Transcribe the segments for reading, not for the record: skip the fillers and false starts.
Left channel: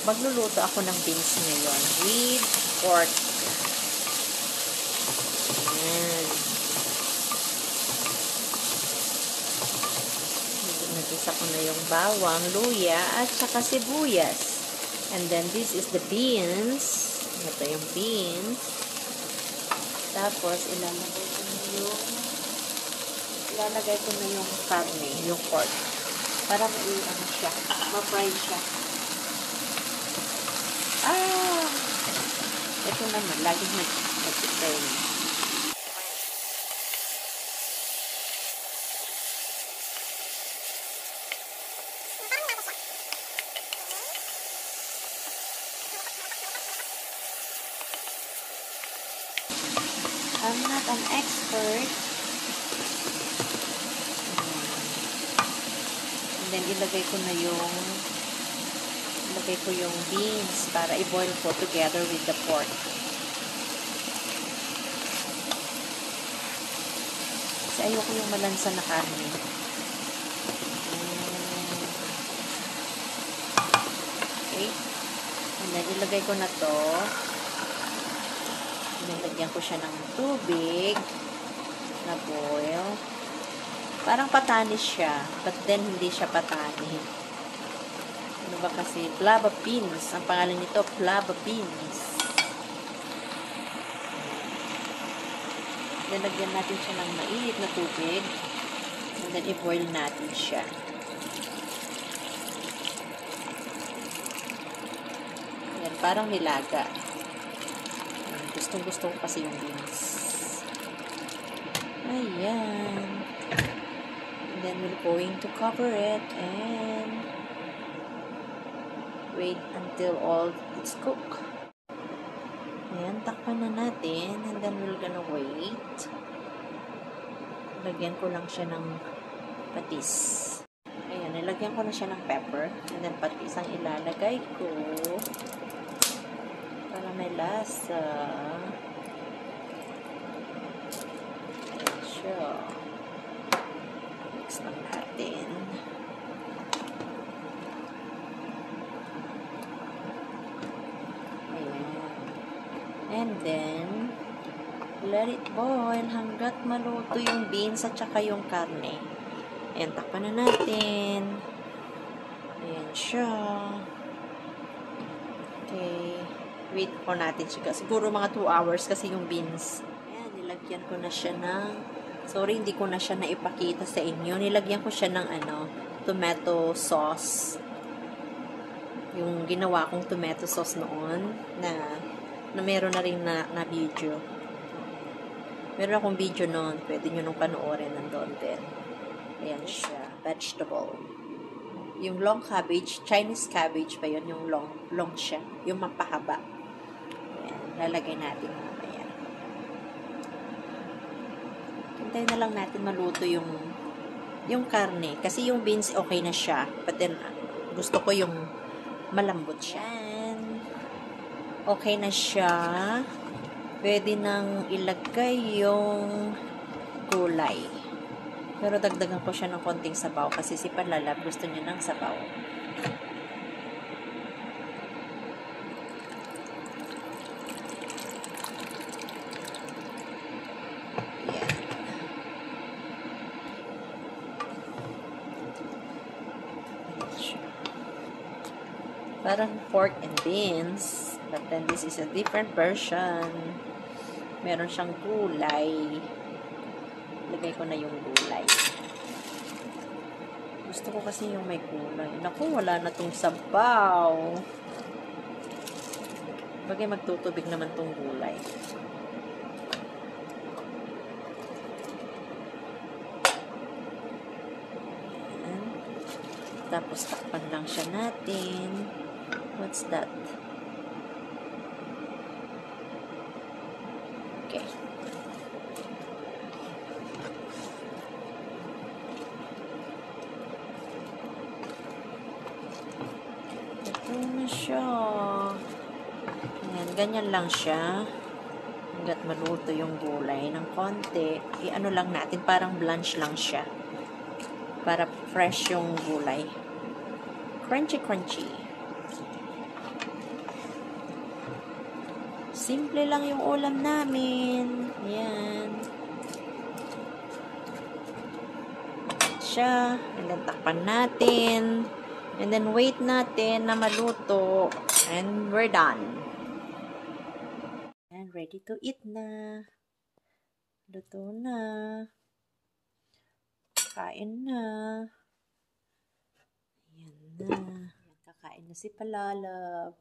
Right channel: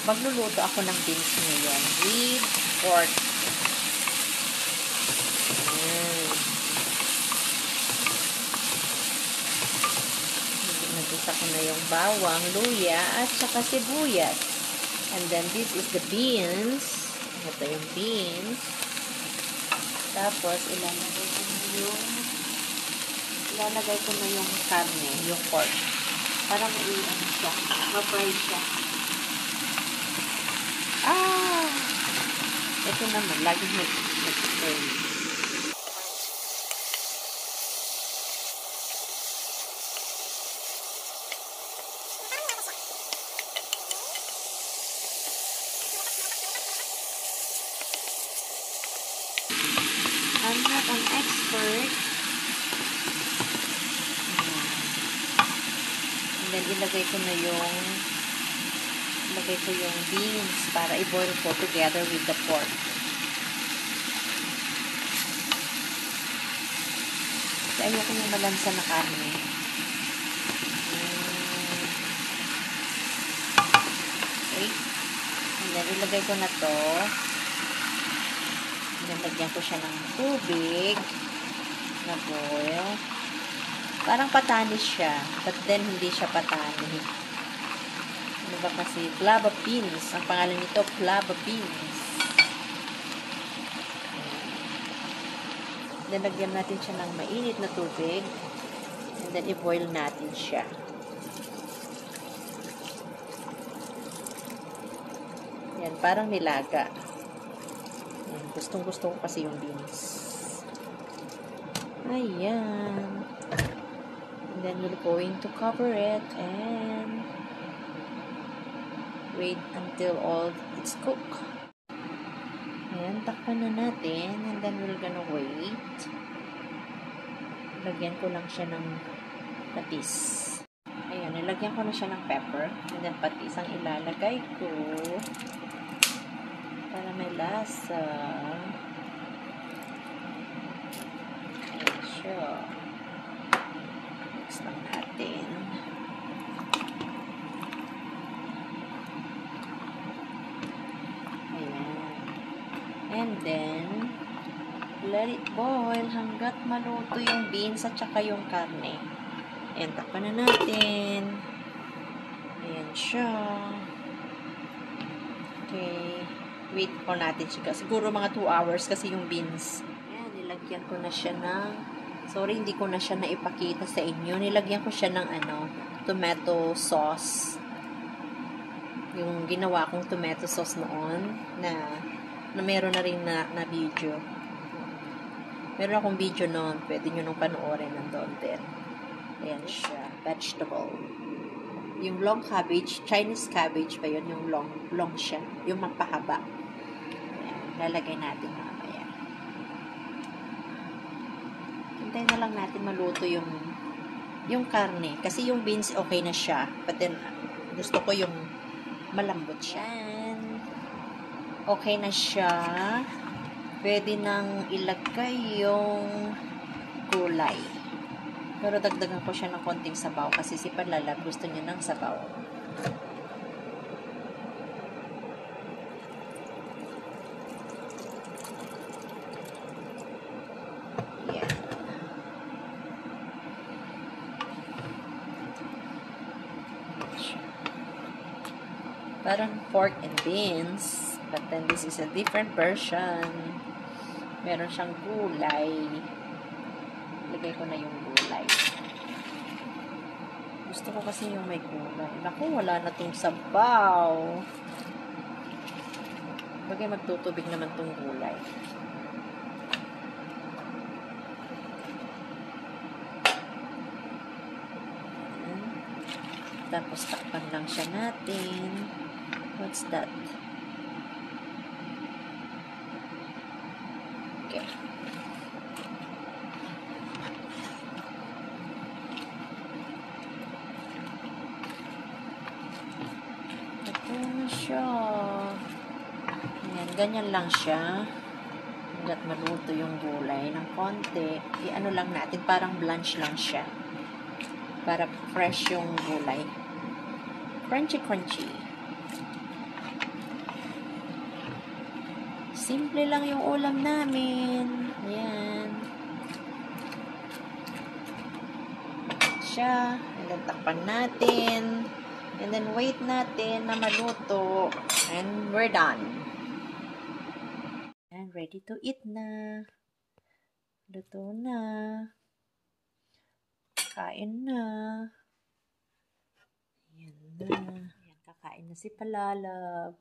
Magluluto ako ng beans ngayon with pork. Nagisa ko na yung bawang, luya, at saka sibuyas. And then this is the beans. Ito yung beans. Tapos ilalagay ko na yung karne, yung pork. Para ma-ano siya, ma-fry siya. Ito naman, lagi nag-turn. I'm not an expert. And then, ilagay ko yung beans para i-boil ko together with the pork. Kasi ayoko yung malansa na karne. Okay. And then, ilagay ko na to. Nilagyan ko siya ng tubig na boil. Parang patanis siya, but then hindi siya patanis. Ano ba kasi? Flava beans. Ang pangalan nito, flava beans. Nilagyan natin siya ng mainit na tubig. And then, i-boil natin siya. Ayan, parang nilaga. Gustong-gusto ko kasi yung beans. Ayan. And then, we're going to cover it and wait until all it's cooked. Ayan, takpan na natin. And then, we're gonna wait. Lagyan ko lang siya ng patis. Ayan, nilagyan ko na siya ng pepper. And then, patis ang ilalagay ko. Para may lasa. Sure. Mix lang natin. And then, let it boil hanggat maluto yung beans at saka yung karne. Ayan, takpan na natin. Ayan siya. Okay. Wait po natin siya. Siguro mga 2 hours kasi yung beans. Ayan, nilagyan ko na siya ng, sorry, hindi ko na siya naipakita sa inyo. Nilagyan ko siya ng tomato sauce. Yung ginawa kong tomato sauce noon na meron na rin na video. Meron akong video noon. Pwede nyo nung panoorin nandun din. Ayan siya. Vegetable. Yung long cabbage, Chinese cabbage ba yun? Yung long siya. Yung mapahaba. Ayan. Lalagay natin mamaya. Hintay na lang natin maluto yung karne. Kasi yung beans okay na siya. But then, gusto ko yung malambot siya. Okay na siya. Pwede nang ilagay yung gulay. Pero dagdagan ko siya ng konting sabaw kasi si Panlalab gusto niya ng sabaw. Yan. Parang pork and beans. But then, this is a different version. Meron siyang gulay. Lagay ko na yung gulay. Gusto ko kasi yung may gulay. Naku, wala na tong sabaw. Bagay, magtutubig naman tong gulay. Ayan. Tapos, takpan lang siya natin. What's that? Okay. Ito na siya. Ayan, ganyan lang siya. hanggat maluto yung gulay ng konti, i-ano lang natin, parang blanch lang siya. Para fresh yung gulay. Crunchy, crunchy. Simple lang yung ulam namin. Ayan. Siya. And then, takpan natin. And then, wait natin na maluto. And we're done. And ready to eat na. Luto na. Kain na. Ayan na. Ayan, kakain na si Palalab.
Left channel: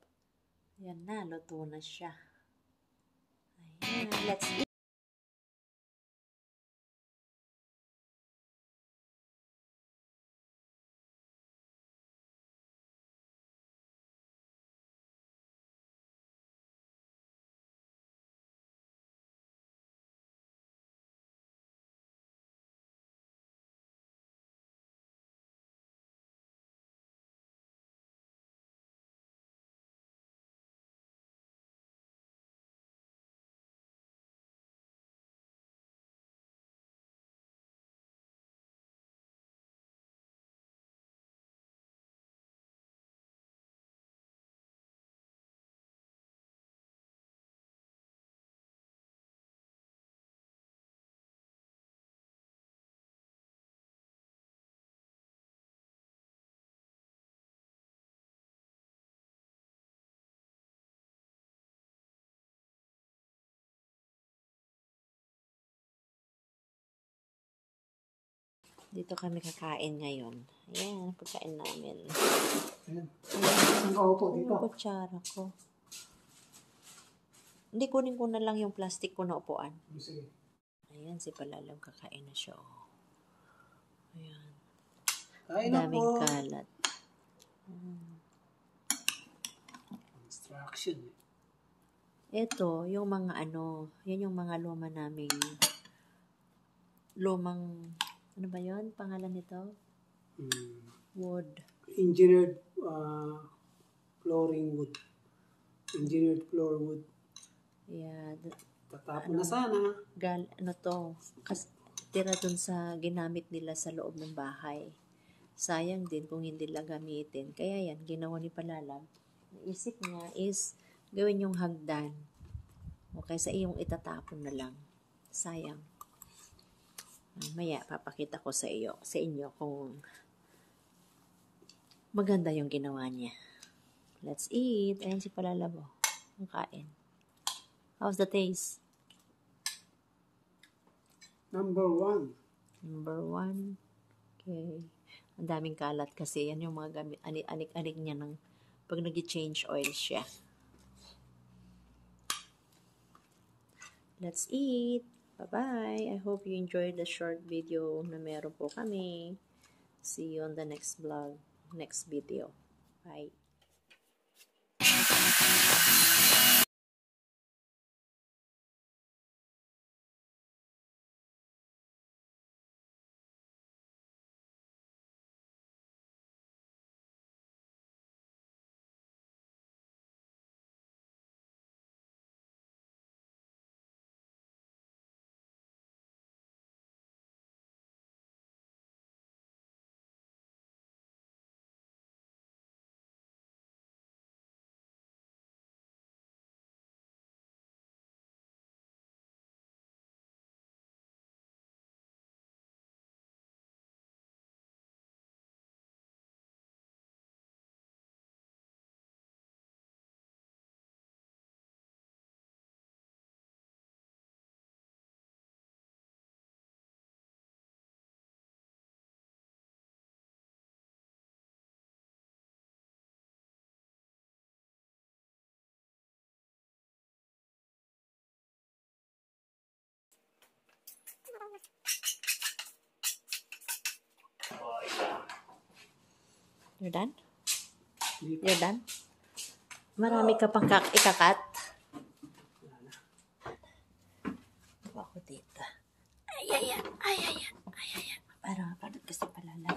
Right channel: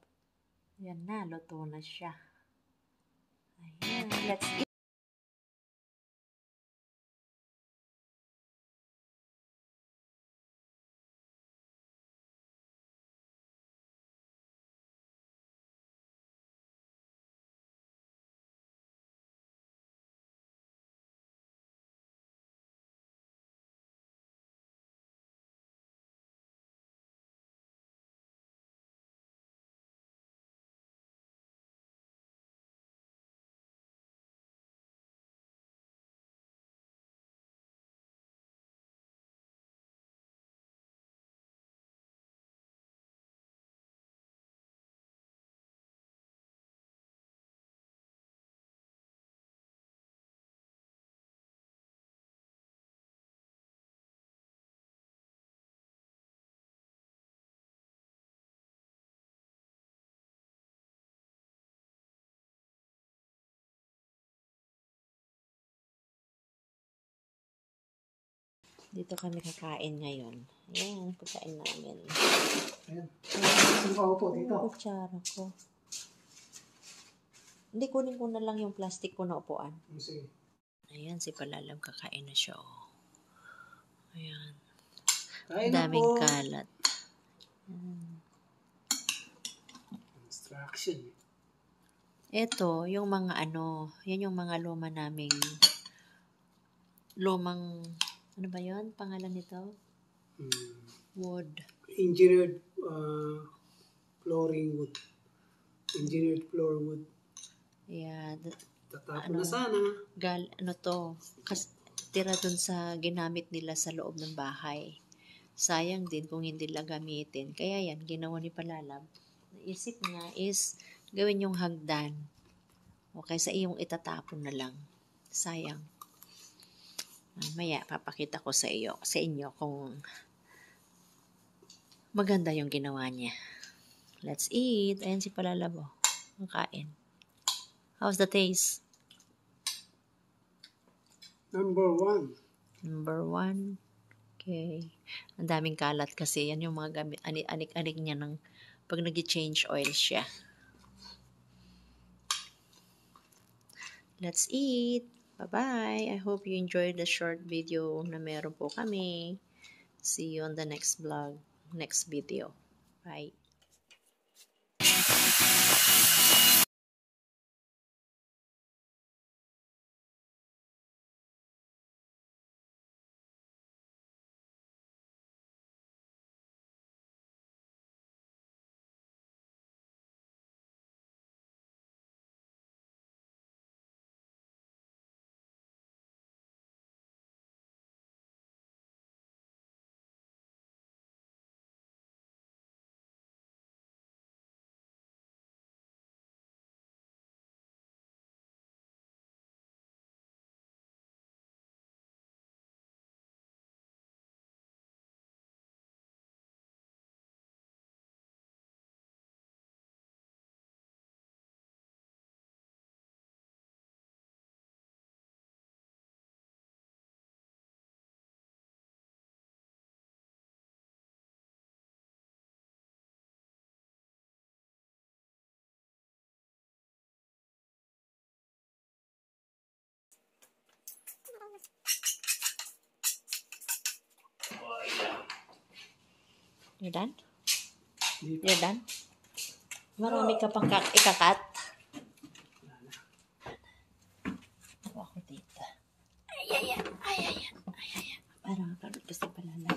Ayan na, luto na siya. Ayan, let's eat. Dito kami kakain ngayon. Ayan, pagkain namin. Ayan. Saan ka upo dito? Ang kutsara ko. Hindi, kunin ko na lang yung plastic ko na upuan. Sige. Ayan, si Palalab kakain na siya. Ayan. Kain na Daming po. kalat. Distraction. Ito, yung mga yan yung mga lumang, ano ba yun? Pangalan nito? Wood. Engineered flooring wood. Engineered floor wood. Ayan. Tatapon na sana. Tira dun sa ginamit nila sa loob ng bahay. Sayang din kung hindi lang gamitin. Kaya yan, ginawa ni Palalab. Naisip niya is gawin yung hagdan. O kaysa iyong itatapon na lang. Sayang. Mamaya, papakita ko sa inyo kung maganda yung ginawa niya. Let's eat. Ayan si Palalab. Ang kain. How's the taste? Number 1. Number 1. Okay. Ang daming kalat kasi. Yan yung mga gamit. Anik-anik niya ng pag nag-change oil siya. Let's eat. Bye-bye. I hope you enjoyed the short video na meron po kami. See you on the next vlog, next video. Bye. You're done? You're done? Marami ka pang ikakat. Ako dito. Ayan. Para pagod kasi Palalab.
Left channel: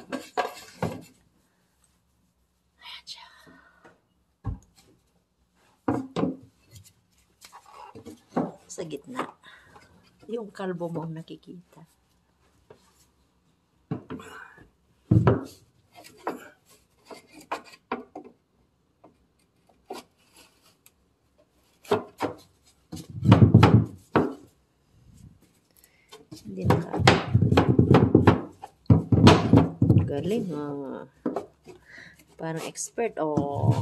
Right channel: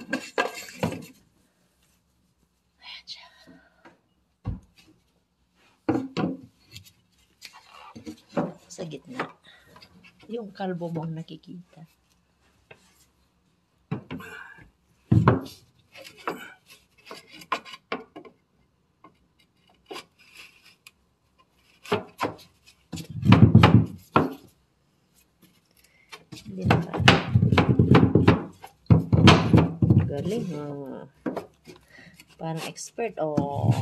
Ayan siya. Sa gitna. kalbo mo ang nakikita. Hindi na ba? Galing, oh. Parang expert, oh.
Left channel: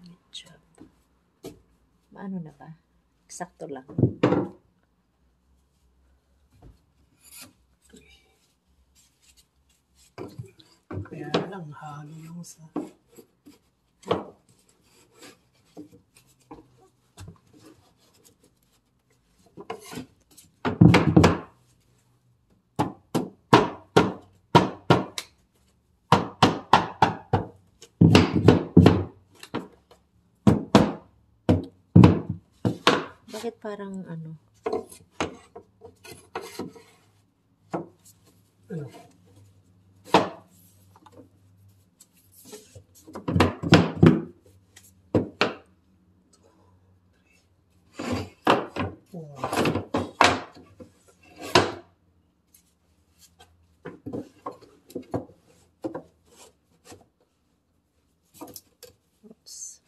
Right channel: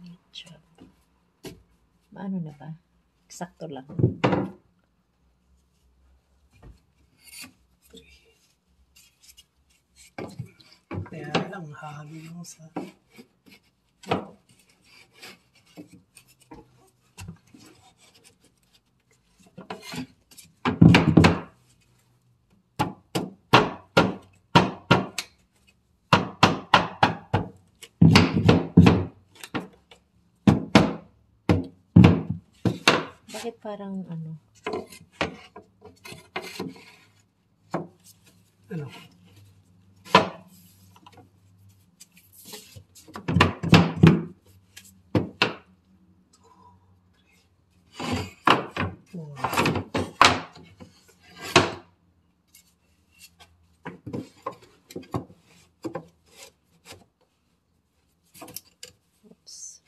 Good job. Ano na ba? Eksakto lang. Kaya lang, halo lang sa... Bakit parang ano? Ano? Oops.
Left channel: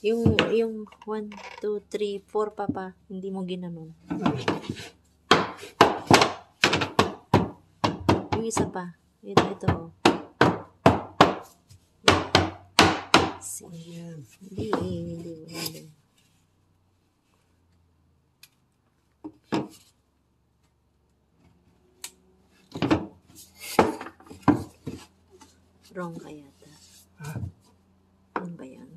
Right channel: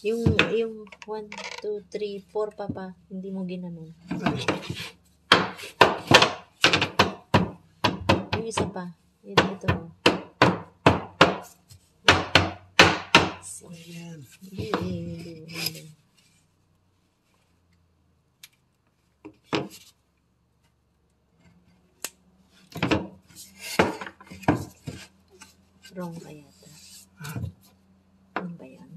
Yung 1, 2, 3, 4 papa, hindi mo ginanon. Yung isa pa, dito mo. Hindi. Wrong kaya ta. Ano ba yan?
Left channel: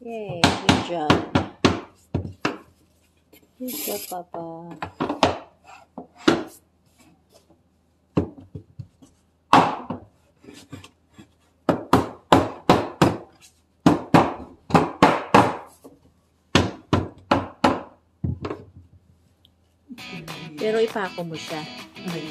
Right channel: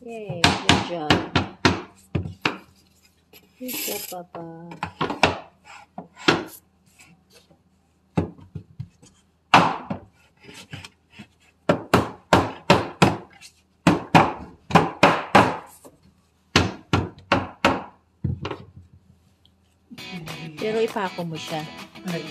Yay, good job. Good job, Papa. Pero ipako mo siya. Ay,